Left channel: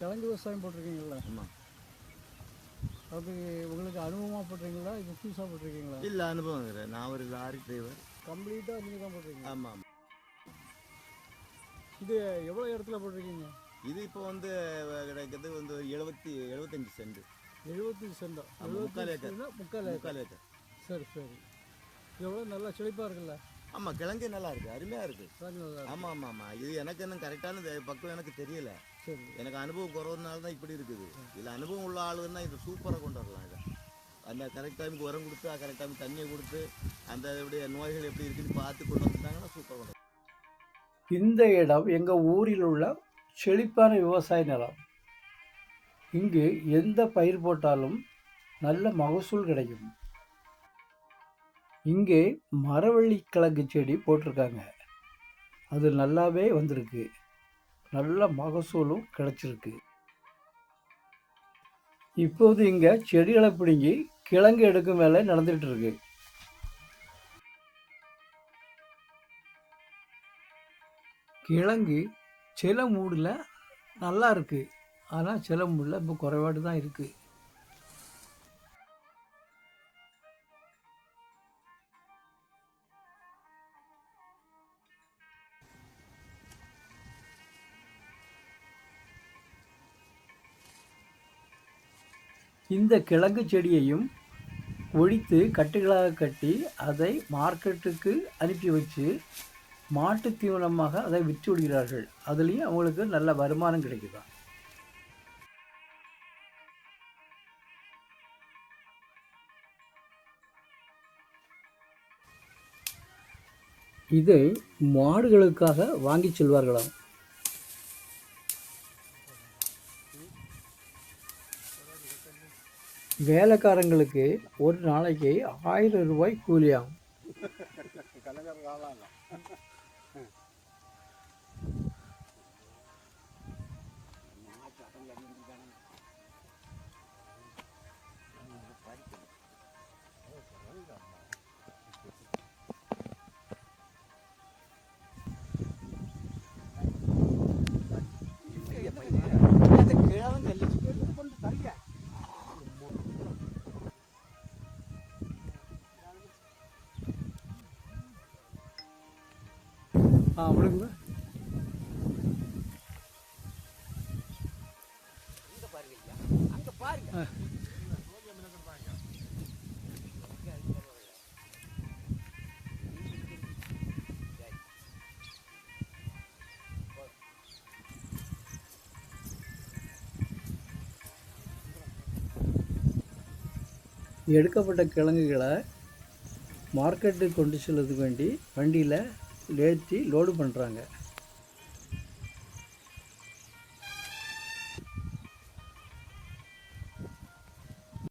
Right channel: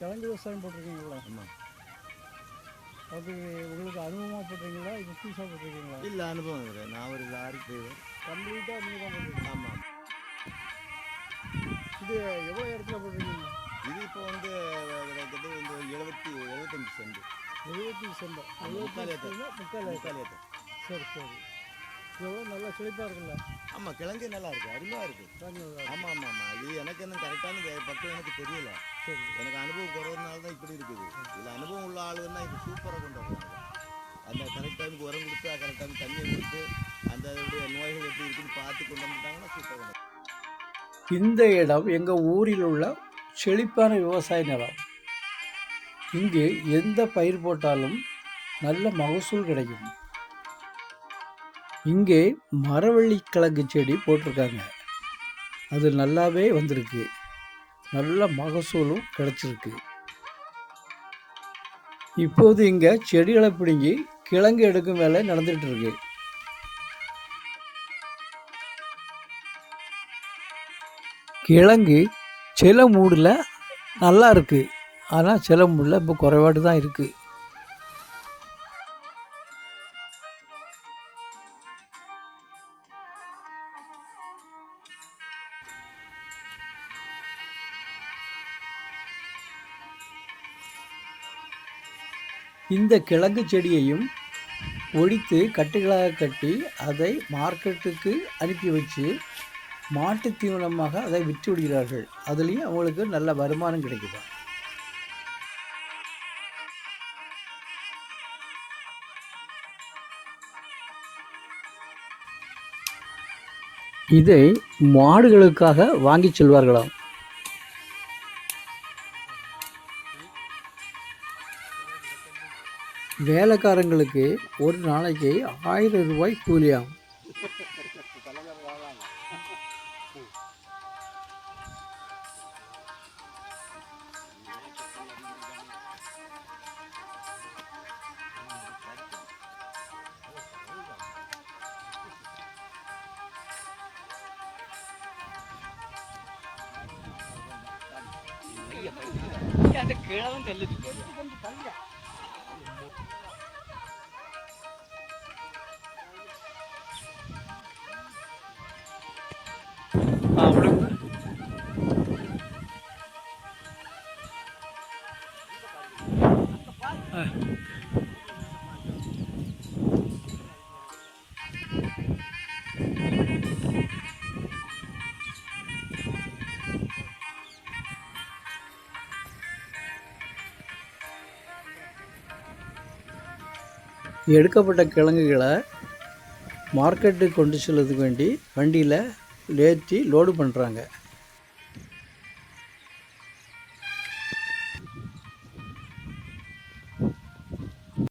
கிழங்கு விவசாயம் போட்டிருக்கீங்களா? ஆமாம். அது உங்களுக்கு அனுபவமாக போட்டிருக்கீங்களா, இப்போ புதுசாக போட்டிருக்கீங்களா? இல்லை, அனுபவம் இருக்கிறேன். நான் ஒரு லாரி டிரைவர். கம்ப்ளீட்டாக நீங்கள் தான் போட்டிருக்கீங்க? ஆமாம். இது எவ்வளோ இடத்துல போட்டிருக்கீங்க? இது இப்போ வந்து கிட்டத்தட்ட வந்து 75 சென்ட். 75 சென்ட். முக்கால் ஏக்கர். முக்கால் ஏக்கர். சரி சரி. எவ்வளோ நல்லா செழிப்பாக இருக்குல்ல? ஆமாம், கிழங்கு நல்லா இருக்குது, அருமையாக இருக்குது. கிழங்கு நல்லா இருக்கு. ஆமாம் ஆமாம் ஆமாம். இது எனக்கு இன்னும் கரெக்டான பக்கம் எனக்கு தெரியல. சரி. எனக்கு அனுபவம் குறவுனால தான் இப்படி இருக்குது. இதில் அனுபவம் உள்ள ஆளுன்னா இது சூப்பராக கொண்டு வரலாம். அந்த கரெக்ட் டைமுக்கு உரம் கொடுத்து, கரெக்ட் டைமுக்கு தண்ணியை கொடுத்து, அந்த நோய்கள் எப்படி இருக்குன்னு பார்த்து கொண்டு வந்துட்டாங்கன்னா சூப்பராக கொண்டு. இந்த இடம் எங்கள் ஊரில் உள்ள செழிப்பான விவசாய நிலம். இங்கு எந்த பயிர் போட்டாலும் நல்ல மகசூல் கிடைக்கும். இங்கே மரவள்ளி கிழங்கு செடி போட்டிருக்காங்க. அது நல்லாவே வந்திருக்கு, நல்ல மகசூலும் கிடைச்சிருக்கு. இப்போது இங்கே செடிகளை பிடுங்கி கிழங்கு எடுக்கும் வேலை நடந்துகிட்டு இருக்கு. கிழங்கு சில மூடில் நல்லா இருக்குது, ஆனால் சில மூடில் இப்போ குறைபாடு தான் இருக்குது. இந்த கிழங்கு செடியையும் ஒடித்து கட்டுகளாக கட்டி அதை மார்க்கெட்டுக்கு அனுப்பி வச்சு மாட்டு தீவனமாக அதை விற்று விடுகிறார்கள். அதுலேயும் அவங்களுக்கு நல்ல வருமானம் கிடைக்குது. இதை மாடுகளுக்காக வாங்கி செல்வார்களாம். வேலைக்காரங்களுக்கு ஒரு நாளைக்கு 1000 ரூபாய் கூலியாகும். அப்படிங்க. எடுக்கப்பட்ட கிழங்குகளை மார்க்கெட்டுக்கு கொண்டு செல்வதுக்கு வேண்டி வண்டியில் ஏற்றி லோடு பண்ணுறாங்க.